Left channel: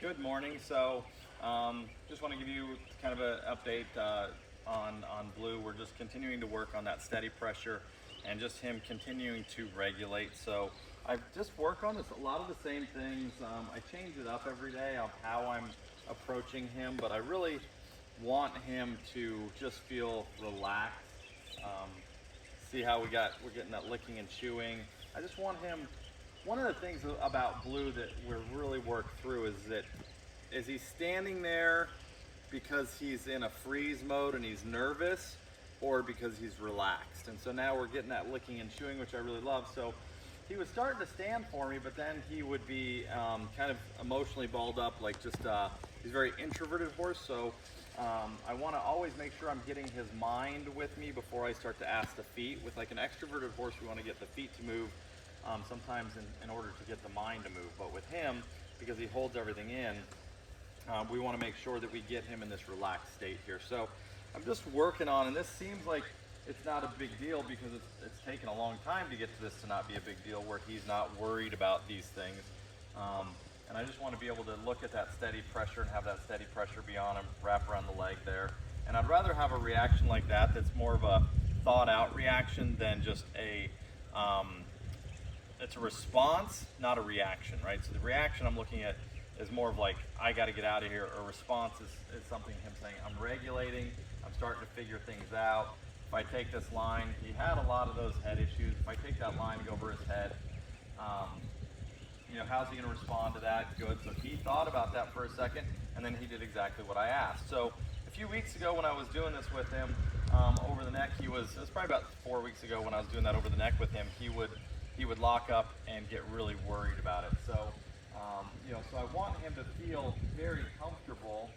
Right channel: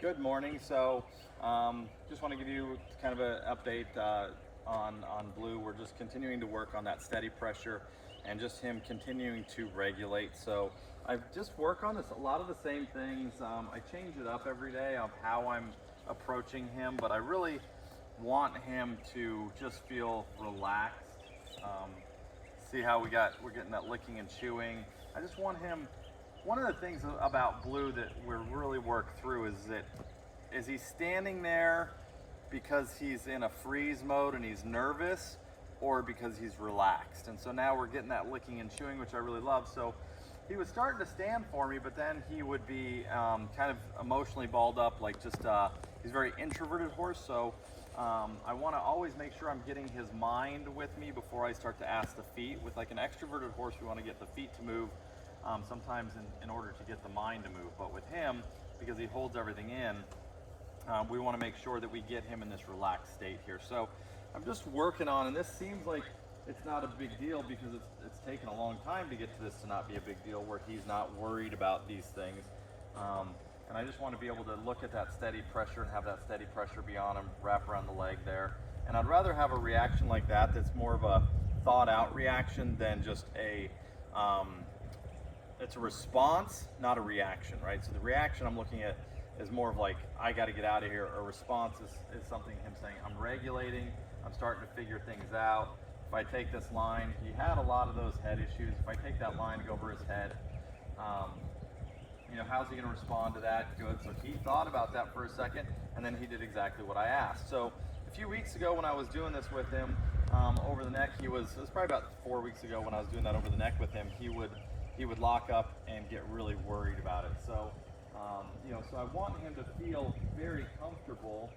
Good morning. Just want to give you kind of an update on Blue. We're just continuing to work on that steady pressure and just him continuing to regulate. So I just work on this, a lot of the same things. I change it up every day of how I'm approaching him, but I really want him to just feel relaxed. Um, See how we're getting that licking and chewing. I just want him. One of the things about Blue that we're really worked through is he standing there because he's in a freeze mode and he's nervous, or because he's relaxed. And so now we're getting that licking and chewing, which I really love. So he was starting to stand for me, but then he would be kind of emotionally balled up, like just he's a very introverted horse. So I want to always make sure I'm getting his mind with me before I start to ask the feet. With like an extroverted horse, we want to get the feet to move sometimes in order to get the mind to move. But with him, because he holds everything in, we want to make sure that we get him in this relaxed state here. So I'm just working on, and this seems like it's not a big deal because it's taken a long time to get to this to not be a big deal, where he's not worried about these things. And I just want to be able to look at that steady pressure and have that steady pressure be on him, wrap around the leg there. And I'd rather have a reaction like that that's more of a thought out reaction than just it's a response, not a reaction, right? So the reaction I'm looking at is more of like, I got to get out of here. A response is something him saying, I'm regulating, I'm starting to figure things out. If I take this line, he had a lot of those head issues. If I take that line, go over his head, how's he going to respond to that? Good. So he thought about that for a second, and then he did exactly what I asked. So a few weeks ago when I was doing this with him over the neck, it was probably about 4 weeks ago when I was doing that over the neck with him, he would lock up and get really worried about it. So, so I want him to feel very comfortable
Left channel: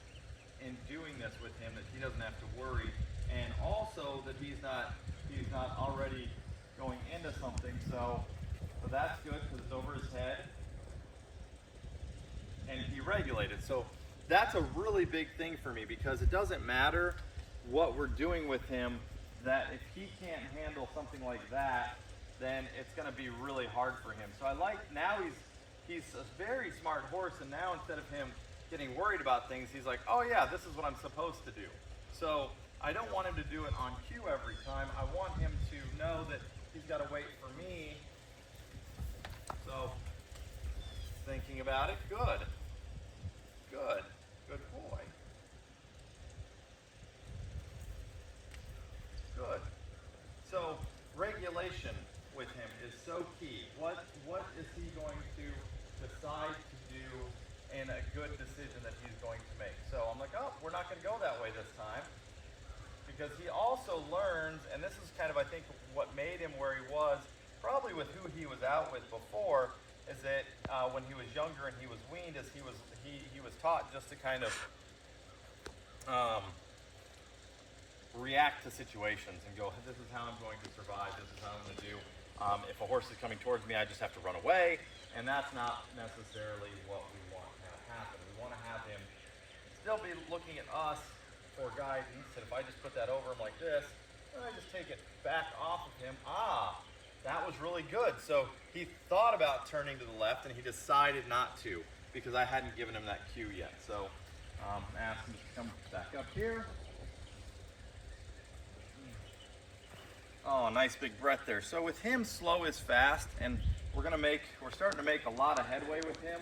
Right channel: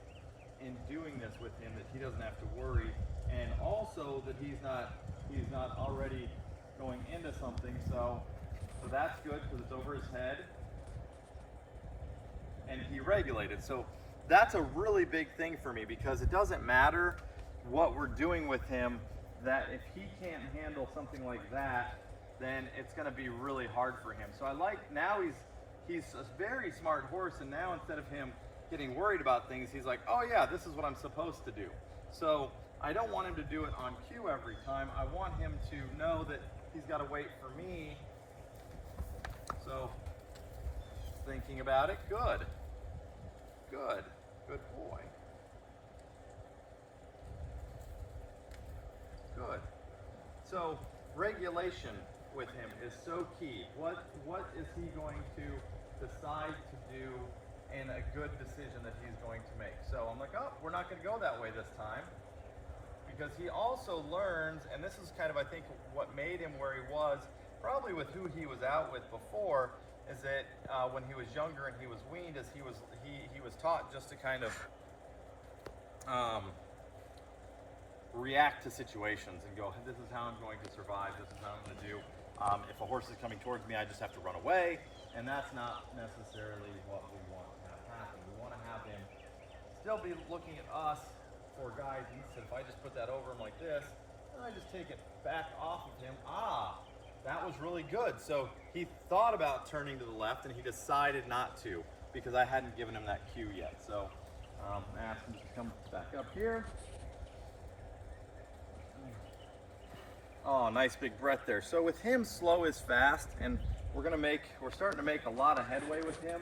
in doing this with him, that he doesn't have to worry, and also that he's not already going into something. So that's good because it's over his head, and he regulated. So that's a really big thing for me, because it doesn't matter what we're doing with him, that if he can't handle something like that, then it's going to be really hard for him. So I like, now he's a very smart horse, and now instead of him getting worried about things, he's like, oh yeah, this is what I'm supposed to do. So I don't want him to do it on cue every time. I want him to know that he's got to wait for me. So thinking about it, good boy, good. So regulation with him is so key. What is he going to decide to do, and a good decision that he's going to make? So I'm like, oh, we're not going to go that way this time, because he also learns, and this is kind of, I think, what made him where he was, probably with who he was out with before, is that when he was younger and he was weaned, is he was taught just to kind of react to situations and go, this is how I'm going to survive, this is how I'm going to do. If a horse is coming towards me, I just have to run away, and that's not necessarily what we want to have happen. We want to have him still be looking at us for guidance, and if I just put that over him like this, and I just take it back off of him, that was really good. So he thought about turning to the left, and he decided not to, because I hadn't given him that cue yet. So I asked him to come back up here. Oh, nice big breath there. So with him, slow is fast, and we're starting to make a lot of headway with him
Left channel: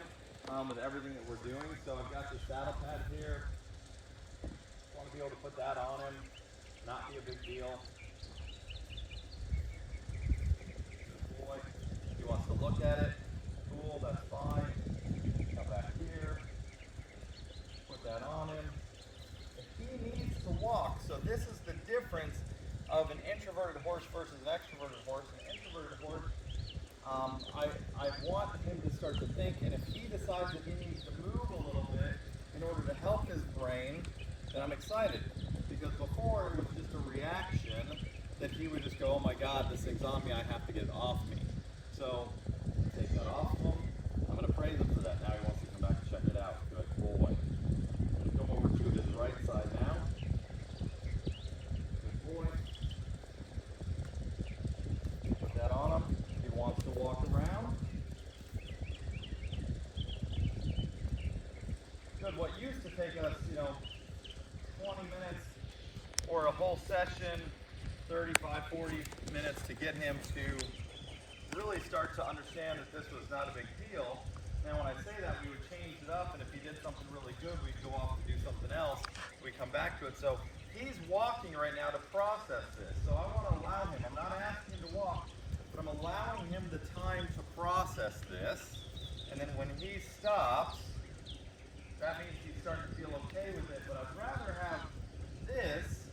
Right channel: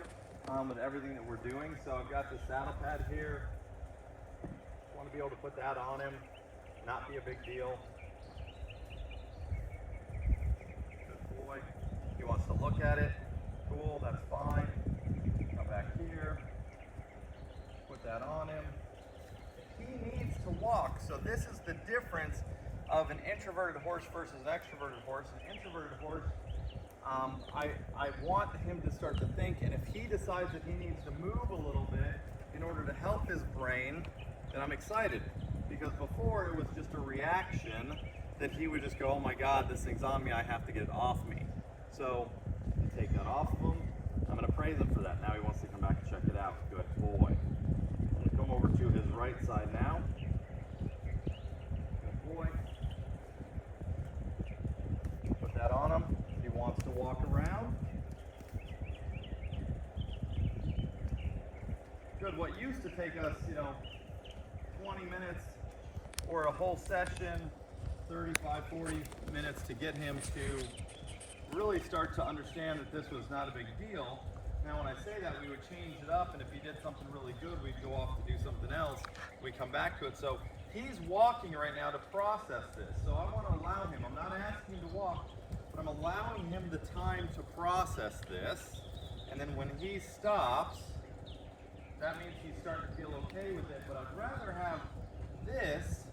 with everything that we're doing. So I've got the saddle pad here. Want to be able to put that on him, not be a big deal. Good boy. He wants to look at it. Cool, that's fine. Come back here. Put that on him. If he needs to walk, so this is the difference of an introverted horse versus an extroverted horse. An introverted horse, I want him to start to think, and if he decides that he needs to move a little bit in order to help his brain, then I'm excited. Because before it was just a reaction that he would just go, oh my God, this thing's on me, I have to get it off me. So take that off of him. I'm going to praise him for that. Now he wants to come back and check it out. Good boy. I'm going to come over to his right side now. Good boy. Put that on him. He wants to walk around. good. What used to take us, 20 minutes or a whole session, 35, 40 minutes to get him to really start to understand that this was not a big deal. Now when I say that, we would change it up, and if he did something really good, we'd go off to do something else. We come back to it. So he's walking right now to process this. So I want to allow him. I'm not asking him to walk, but I'm allowing him the time to process this. And then when he stops, that means he's starting to feel okay with it. But I'd rather have this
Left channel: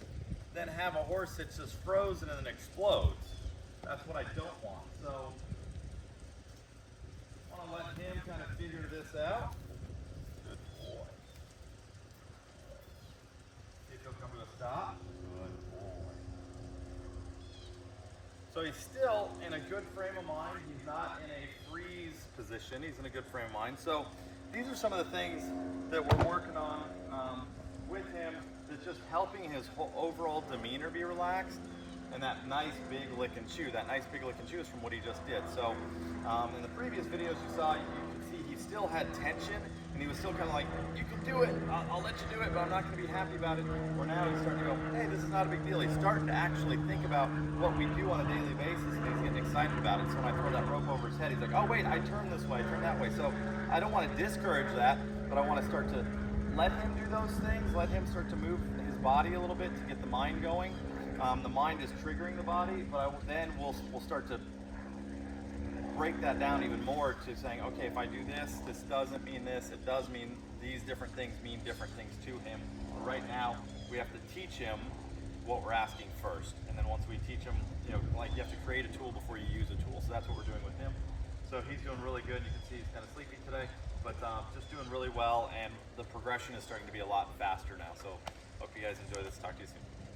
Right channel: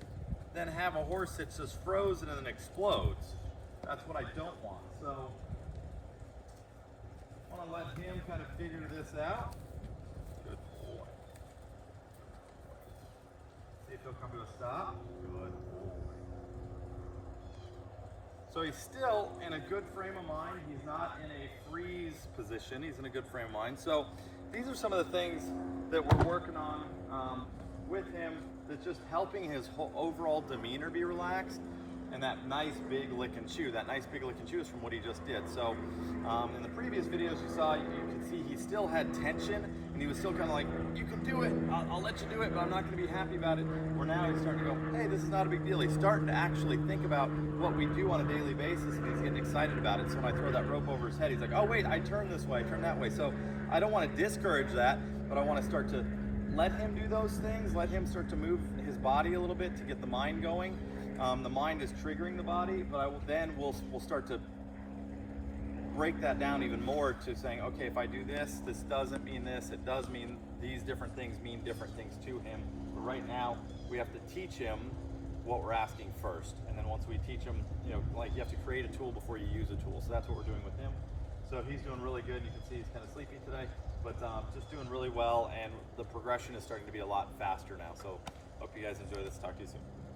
than have a horse that's just frozen and then explodes. That's what I don't want. So I want to let him kind of figure this out. Good boy. See if he'll come to a stop. Good boy. So he's still in a good frame of mind. He's not in a freeze position. He's in a good frame of mind. So these are some of the things that we're working on with him that's just helping his whole overall demeanor be relaxed. And that nice big lick and chew. That nice big lick and chew is from what he just did. So in the previous videos you saw, you can see he still had tension, and he was still kind of like, you can do it, I'll let you do it, but I'm not going to be happy about it. Where now he's starting to go, hey, this is not a big deal. He's starting to actually think about what we do on a daily basis, and he's getting excited about it. So when I throw that rope over his head, he's like, oh wait, I turn this way, I turn that way. So I don't want to discourage that, but I want to start to let him do those things, let him start to move his body a little bit to get the mind going. The mind is triggering the body, but then we'll start to break that down even more to saying, okay, if I do this, this doesn't mean this, it does mean these different things mean different things to him. But right now, we have to teach him what we're asking first. And then once we teach him, like you have to create a tool before you use a tool. So that's what we're doing with him. So he's doing really good. You can see he's kind of sleepy today, but just doing really well. And the progression is starting to be a lot faster now. So hope you guys enjoy this. Talk to you soon.